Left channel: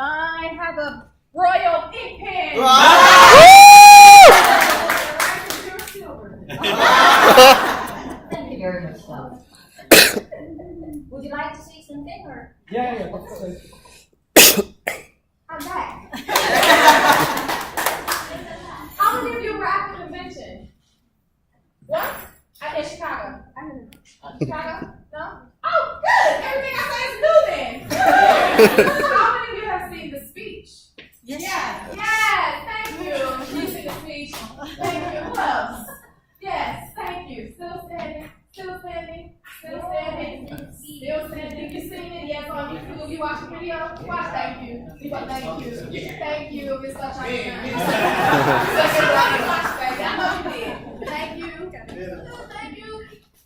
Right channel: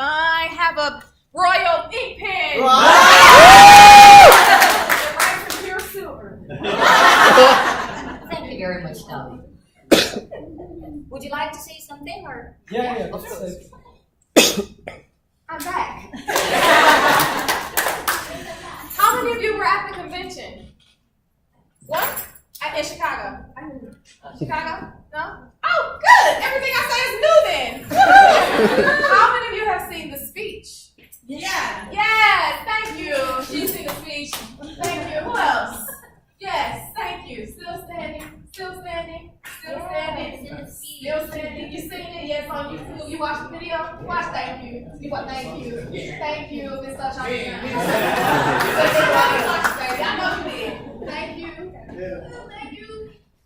I have a royal ink pen. Pure silver. Thank you very much, Tommy. Would you like to say something, or? Yeah. I'm back. How many of you were at the convention? What? In Chicago. Chicago? No? Oh, good. Everything I say is new then. How many of you have seen the speech? Yes. Yes. Thank you. You've seen the speech. Thank you. Who else? Yes. Thank you. Still standing. Still standing. Still standing. Still standing. You seen it? Yes. On YouTube. You watch the video? Watch. Thank you. You watch. Thank you. Thank you. It's such a baby. I know you did. Thank you. Thank you.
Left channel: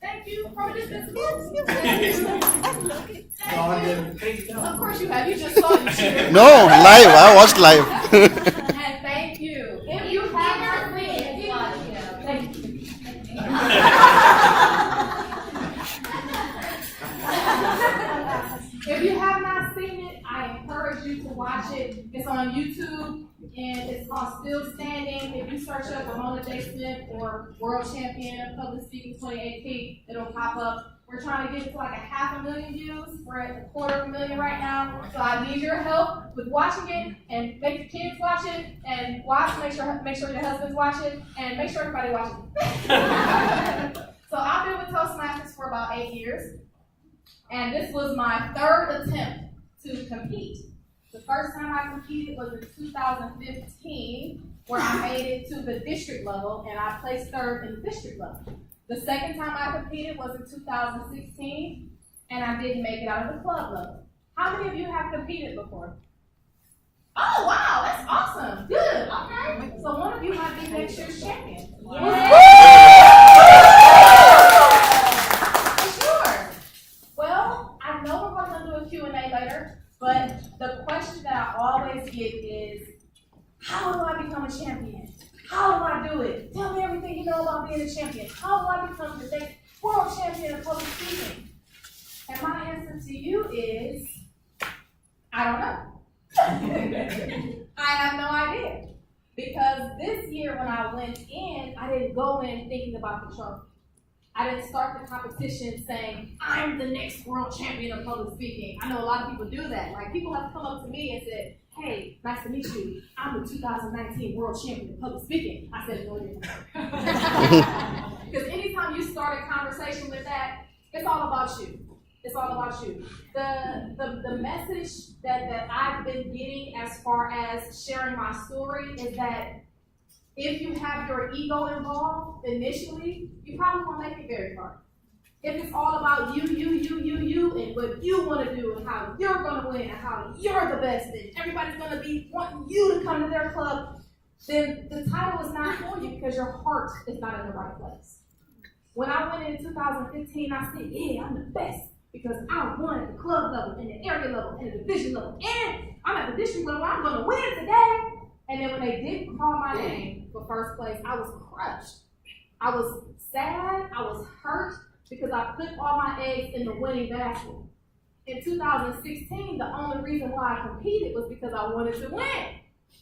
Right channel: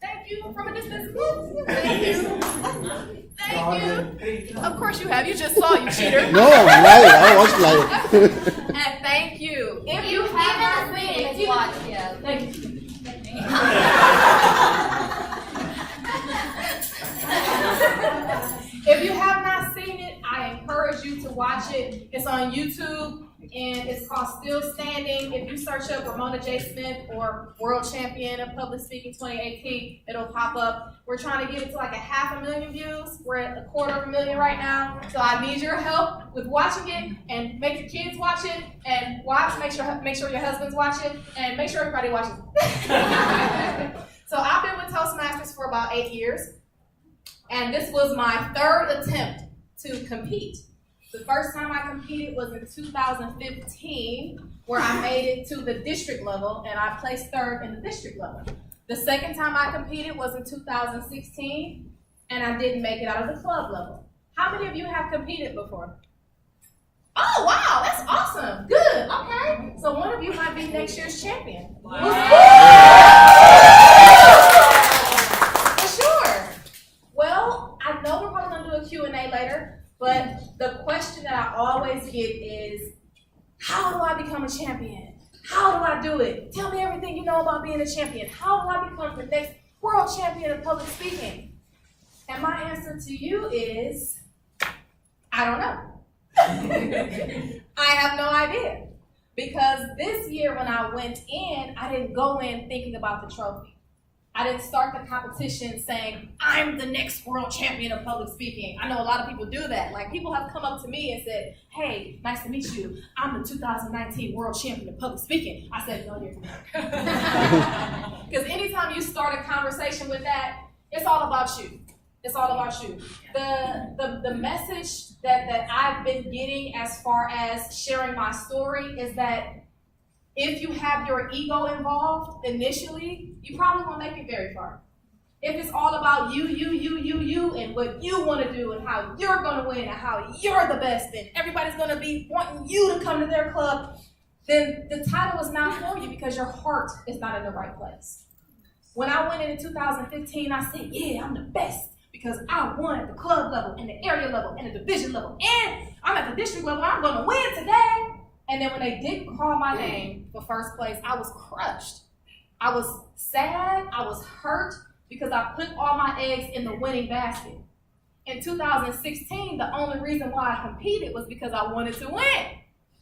Thank you. From a distance. Thank you. Thank you. Of course you have. You just saw you cheer. No, live. I watched live. And thank you. If you have not seen it, you watch it. Thank you. If you have not seen it, I encourage you to watch it. It's on YouTube and it's called Still Standing. If you search up Ramona J. Smith or World Champion of Public Speaking 2018, it'll pop up. We're trying to get it to like 500,000 views. We're at 250,000 right now. So I need your help with watching it, and make your kids watch it, and make sure your husbands watch it, and make sure everybody watches it. So I've been with Toastmasters for about 8 years. And this was my third attempt to compete. The first time I competed was in 2015, where I made it to the district level, and I placed third in the district level. The second time I competed was in 2016, and I didn't make it out of the club level. How many of you have competed before? Oh, wow, that's awesome. Good, okay. So one of you might be next year's champion. Wow. Well, I know we're probably going to do a Q&A later, but the question that I always get is, how do I become a champion? How do I do it? Tell me everything you know about being a champion. How do I become the next world champion of public speaking? And my answer to you is, I don't know. I have no idea. Because this year when I went in, I didn't go in thinking about the trophy. I didn't start the competition saying, I'm the next world champion of public speaking. I know a lot of people do that. Like, people have come up to me and said, hey, nice to meet you. I'm the 2019 world champion of public speaking. I said, no, you're not. Because anytime you start a conversation with that, it's all about you. It's all about you. The message that I've been getting as far as sharing my story is that if you have your ego involved initially, you probably won't make it very far. If it's all about you, and what you want to do, and how you're going to win, and how you're the best, and everybody's going to be wanting you to come to their club, then the title is not for you because your heart is not in the right place. When I went in 2015, I said, yeah, I'm the best because I won at the club level, and the area level, and the division level, and I'm at the district level. I'm going to win today. And then when they didn't call my name for first place, I was crushed. I was sad, I was hurt, because I put all my eggs in the winning basket. In 2016, the only reason why I competed was because I wanted to win.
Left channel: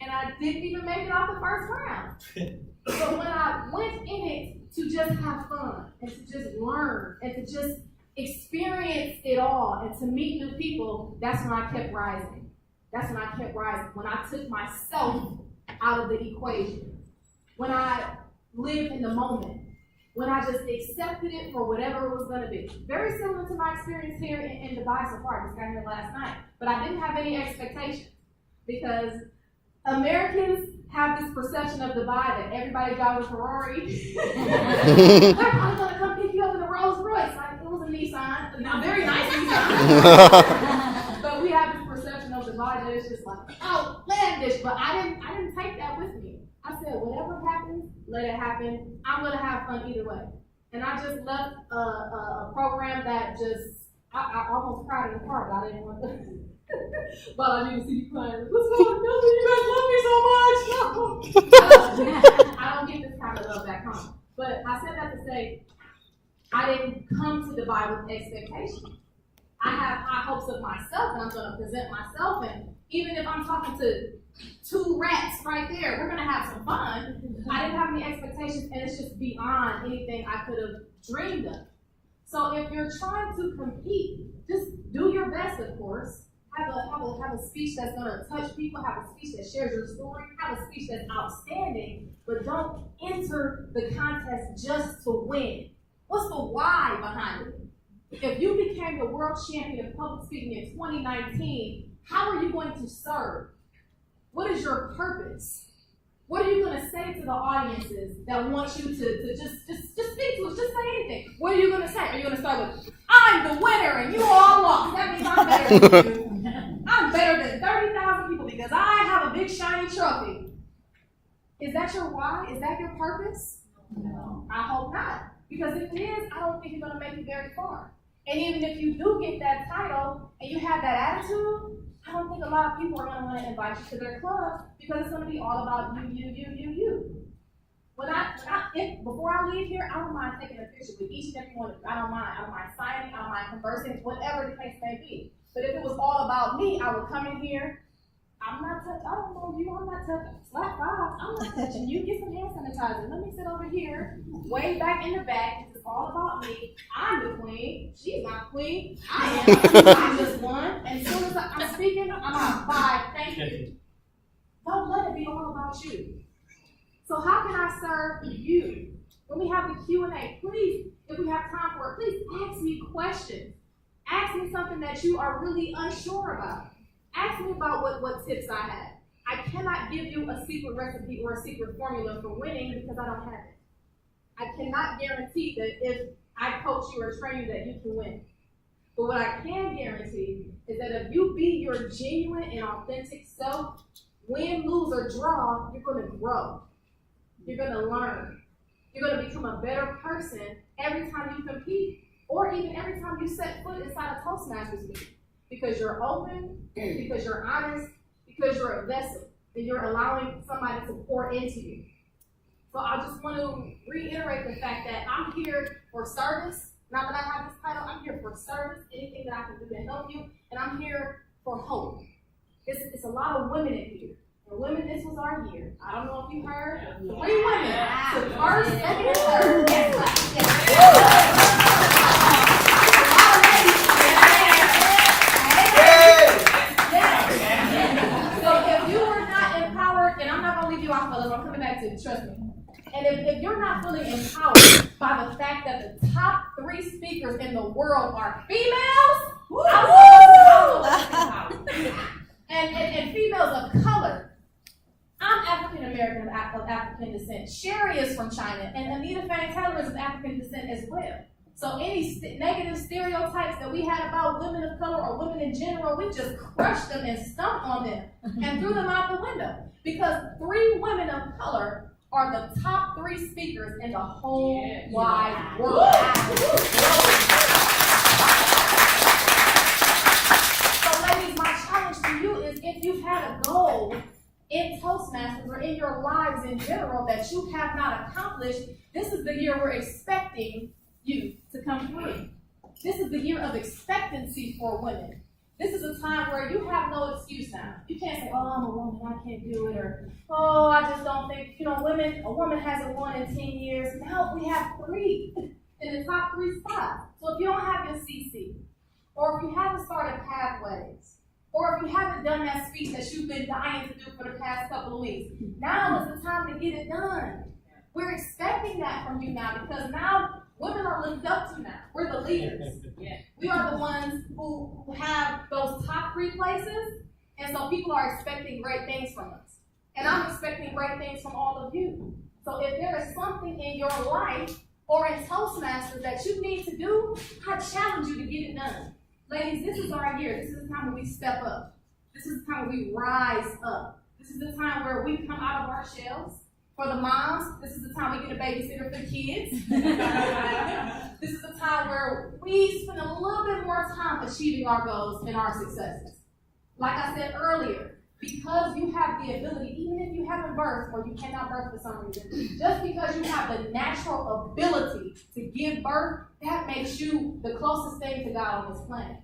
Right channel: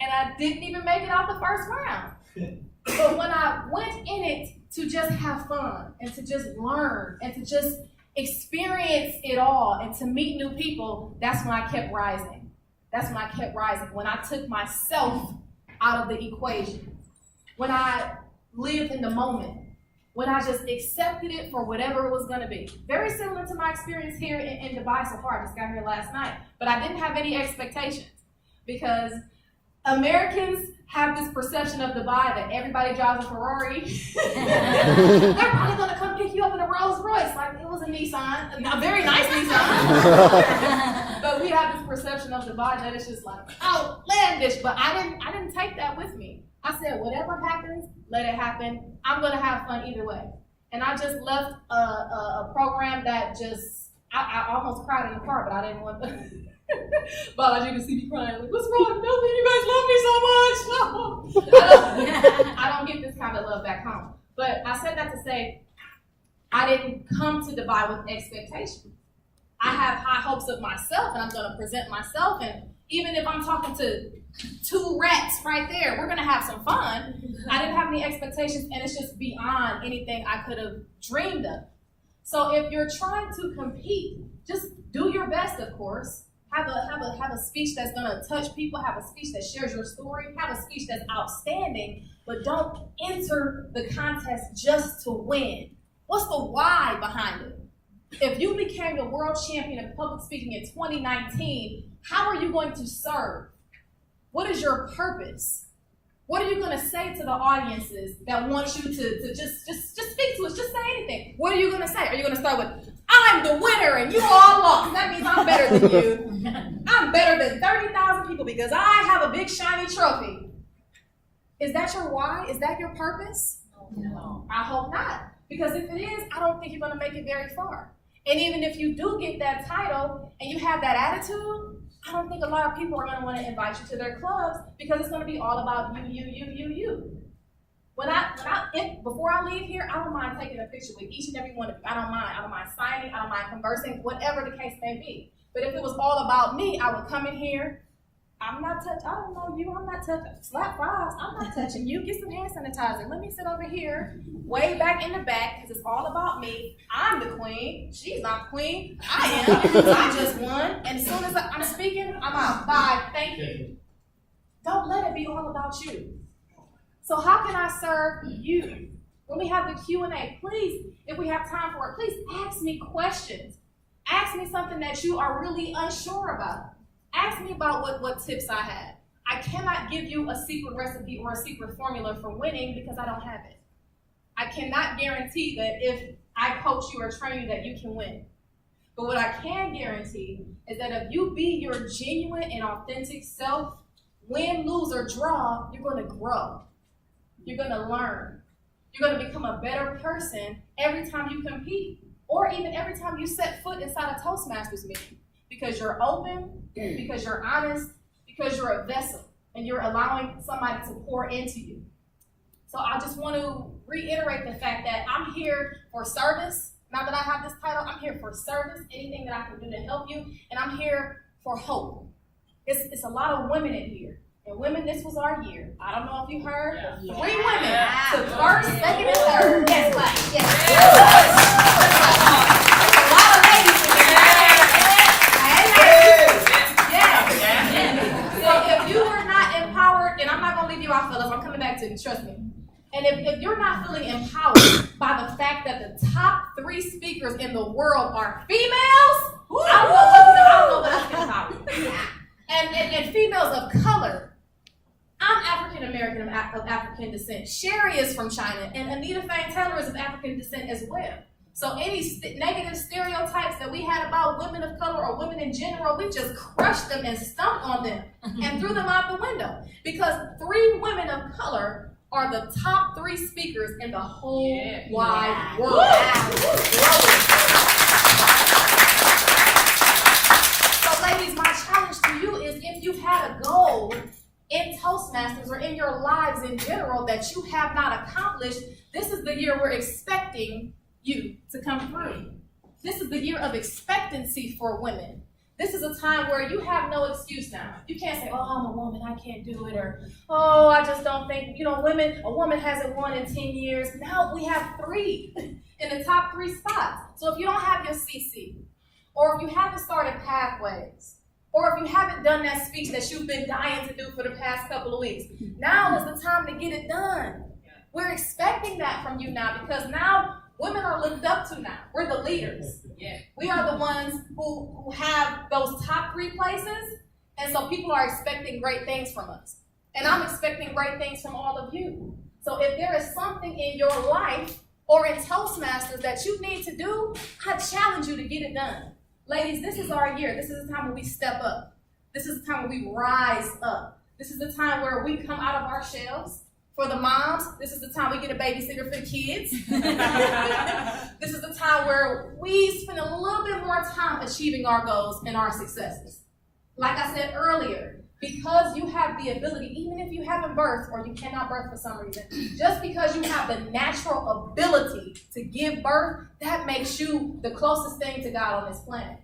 And I didn't even make it out the first round. But when I went in it to just have fun, and to just learn, and to just experience it all, and to meet new people, that's when I kept rising. That's when I kept rising. When I took myself out of the equation. When I lived in the moment. When I just accepted it for whatever it was going to be. Very similar to my experience here in Dubai so far. I just got here last night. But I didn't have any expectations. Because Americans have this perception of Dubai that everybody drives a Ferrari. They're probably going to come pick you up in a Rolls Royce. Like, it was a Nissan. A very nice Nissan. But we have this perception of Dubai that it's just like outlandish. But I didn't take that with me. I said, whatever happens, let it happen. I'm going to have fun either way. And I just left a program that just, I almost cried in the car, but I didn't want to. Balaji would see me crying. Like, what's wrong? Nothing. You guys love me so much. No. I don't get this kind of love back home. But I said that to say, I didn't come to Dubai with expectations. I have high hopes of myself, and I'm going to present myself. And even if I'm talking to 2 rats right there, we're going to have some fun. I didn't have any expectations, and it's just beyond anything I could have dreamed of. So if you're trying to compete, just do your best, of course. Have a speech that's going to touch people. Have a speech that shares your story. Have a speech that's outstanding. But don't enter the contest just to win. What's the why behind it? If you became the world champion of public speaking in 2019, how are you going to serve? What is your purpose? What are you going to say to the audiences that want you to just speak to us? Just say anything. What are you going to say? Are you going to start with, I'm the winner and you all lost? That means I'm better than you. I'm better than 30,000 people because I have a big shiny trophy. Is that your why? Is that your purpose? No. I hope not. Because if it is, I don't think you're going to make it very far. And even if you do get that title and you have that attitude, I don't think a lot of people are going to want to invite you to their clubs because it's going to be all about you. Before I leave here, I don't mind taking a picture with each and every one of you. I don't mind signing, I don't mind conversing, whatever the case may be. But if it was all about me, I would come in here. I don't know you, I'm not touching, slap fives, I'm not touching you, get some hand sanitizer. Let me sit over here, way back in the back, because it's all about me. I'm the queen, she's not queen, I am, I just won. And as soon as I'm speaking, I'm out, bye, thank you. Don't let it be all about you. So how can I serve you? When we have the Q&A, please, if we have time for it, please ask me questions. Ask me something that you are really unsure about. Ask me about what tips I have. I cannot give you a secret recipe or a secret formula for winning because I don't have it. I cannot guarantee that if I coach you or train you that you can win. But what I can guarantee is that if you be your genuine and authentic self, win, lose, or draw, you're going to grow. You're going to learn. You're going to become a better person every time you compete or even every time you set foot inside a Toastmasters meeting. Because you're open, because you're honest, because you're a vessel, and you're allowing somebody to pour into you. So I just want to reiterate the fact that I'm here for service. Now that I have this title, I'm here for service, anything that I can do to help you, and I'm here for hope. It's a lot of women in here. And women, this was our year. I don't know if you heard, but 3 women took first, second, and third. Yes, class. Yes. A lot of ladies in there. So if you were not empowered, and I'm not going to leave you out, fellas, I'm coming back to you, trust me. And if you're not feeling empowered by the fact that the top 3 speakers in the world are females, I don't know what's empowered. And females of color. I'm African American of African descent. Sherry is from China, and Anita Faye Taylor is of African descent as well. So any negative stereotypes that we had about women of color or women in general, we just crushed them and stomped on them and threw them out the window. Because 3 women of color are the top 3 speakers in the whole wide world. So ladies, my challenge to you is if you had a goal in Toastmasters or in your lives in general that you have not accomplished, this is the year we're expecting you to come through. This is the year of expectancy for women. This is a time where you have no excuse now. You can't say, oh, I'm a woman, I can't do it, or, oh, I just don't think, a woman hasn't won in 10 years. Now we have 3 in the top 3 spots. So if you don't have your CC, or if you haven't started Pathways, or if you haven't done that speech that you've been dying to do for the past couple of weeks, now is the time to get it done. We're expecting that from you now because now women are looked up to now. We're the leaders. We are the ones who have those top 3 places, and so people are expecting great things from us. And I'm expecting great things from all of you. So if there is something in your life or in Toastmasters that you need to do, I challenge you to get it done. Ladies, this is our year. This is the time when we step up. This is the time when we rise up. This is the time where we come out of our shells. For the moms, this is the time we get a babysitter for the kids. This is the time where we spend a little bit more time achieving our goals and our successes. Like I said earlier, because you have the ability, even if you haven't birthed or you cannot birth for some reason, just because you have the natural ability to give birth, that makes you the closest thing to God on this planet.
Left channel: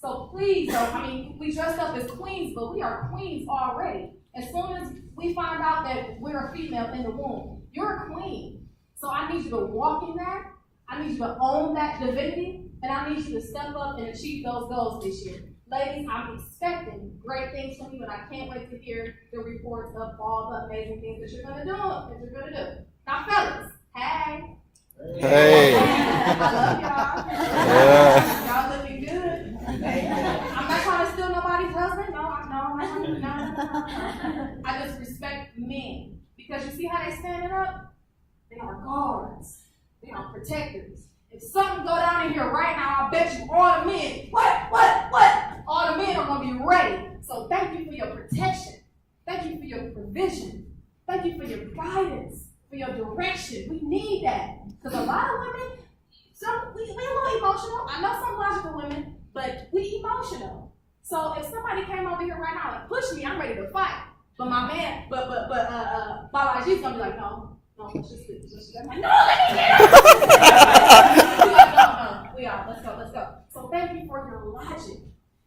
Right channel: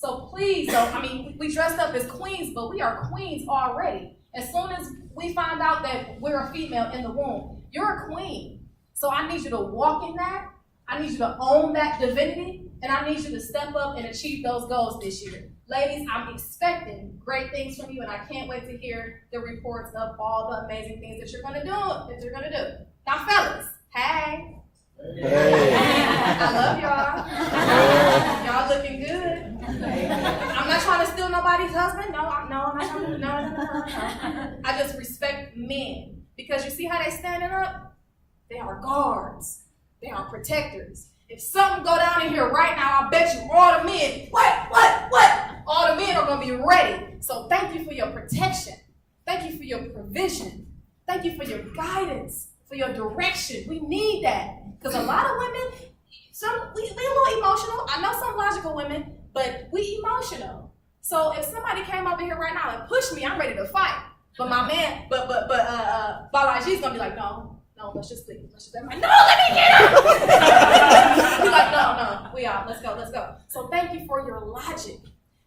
So please don't, I mean, we dressed up as queens, but we are queens already. As soon as we find out that we're a female in the womb, you're a queen. So I need you to walk in that. I need you to own that divinity. And I need you to step up and achieve those goals this year. Ladies, I'm expecting great things from you, and I can't wait to hear the reports of all the amazing things that you're going to do. Now, fellas, hey. Hey. I love y'all. Yeah. Y'all looking good. I'm not trying to steal nobody's husband. No, I'm not trying to. No. I just respect men. Because you see how they standing up? They are guards. They are protectors. If something go down in here right now, I bet you all the men, what? All the men are going to be ready. So thank you for your protection. Thank you for your provision. Thank you for your guidance, for your direction. We need that. Because a lot of women, we a little emotional. I know some logical women, but we emotional. So if somebody came over here right now and pushed me, I'm ready to fight. But my man, Balaji's going to be like, no, let's just leave. I'm like, no, let me get up. He's like, no, we are. Let's go. So thank you for your logic.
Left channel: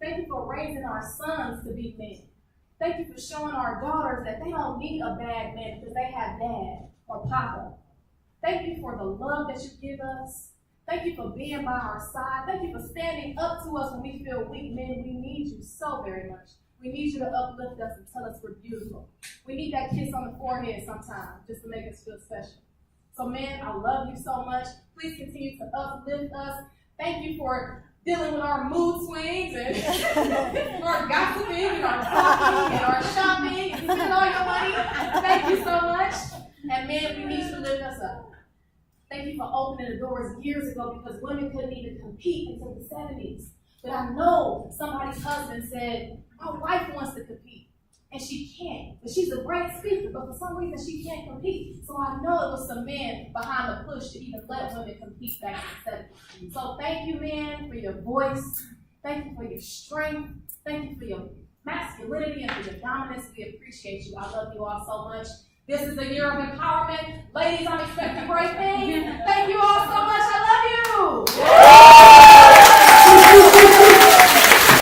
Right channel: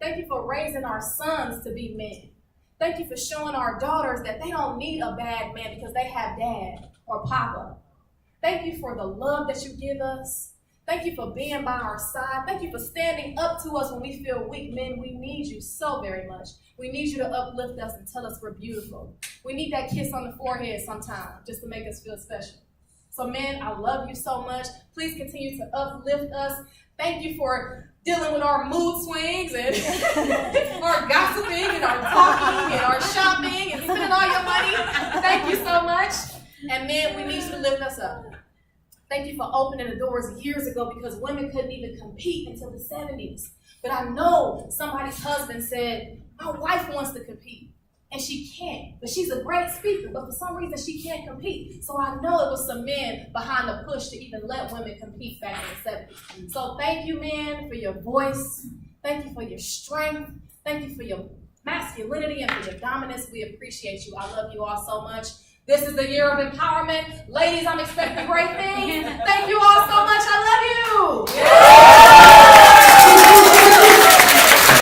Thank you for raising our sons to be men. Thank you for showing our daughters that they don't need a bad man because they have dad or papa. Thank you for the love that you give us. Thank you for being by our side. Thank you for standing up to us when we feel weak. Men, we need you so very much. We need you to uplift us and tell us we're beautiful. We need that kiss on the forehead sometime just to make us feel special. So men, I love you so much. Please continue to uplift us. Thank you for dealing with our mood swings and our gossiping and our talking and our shopping and spending all your money. Thank you so much. And men, we need you to lift us up. Thank you for opening the doors years ago because women couldn't even compete until the 70s. But I know somebody's husband said, my wife wants to compete. And she can't. But she's a great speaker, but for some reason she can't compete. So I know it was some men behind the push to even let women compete back in the 70s. So thank you, men, for your voice. Thank you for your strength. Thank you for your masculinity and for your dominance. We appreciate you. I love you all so much. This is the year of empowerment. Ladies, I'm expecting great things. Thank you all.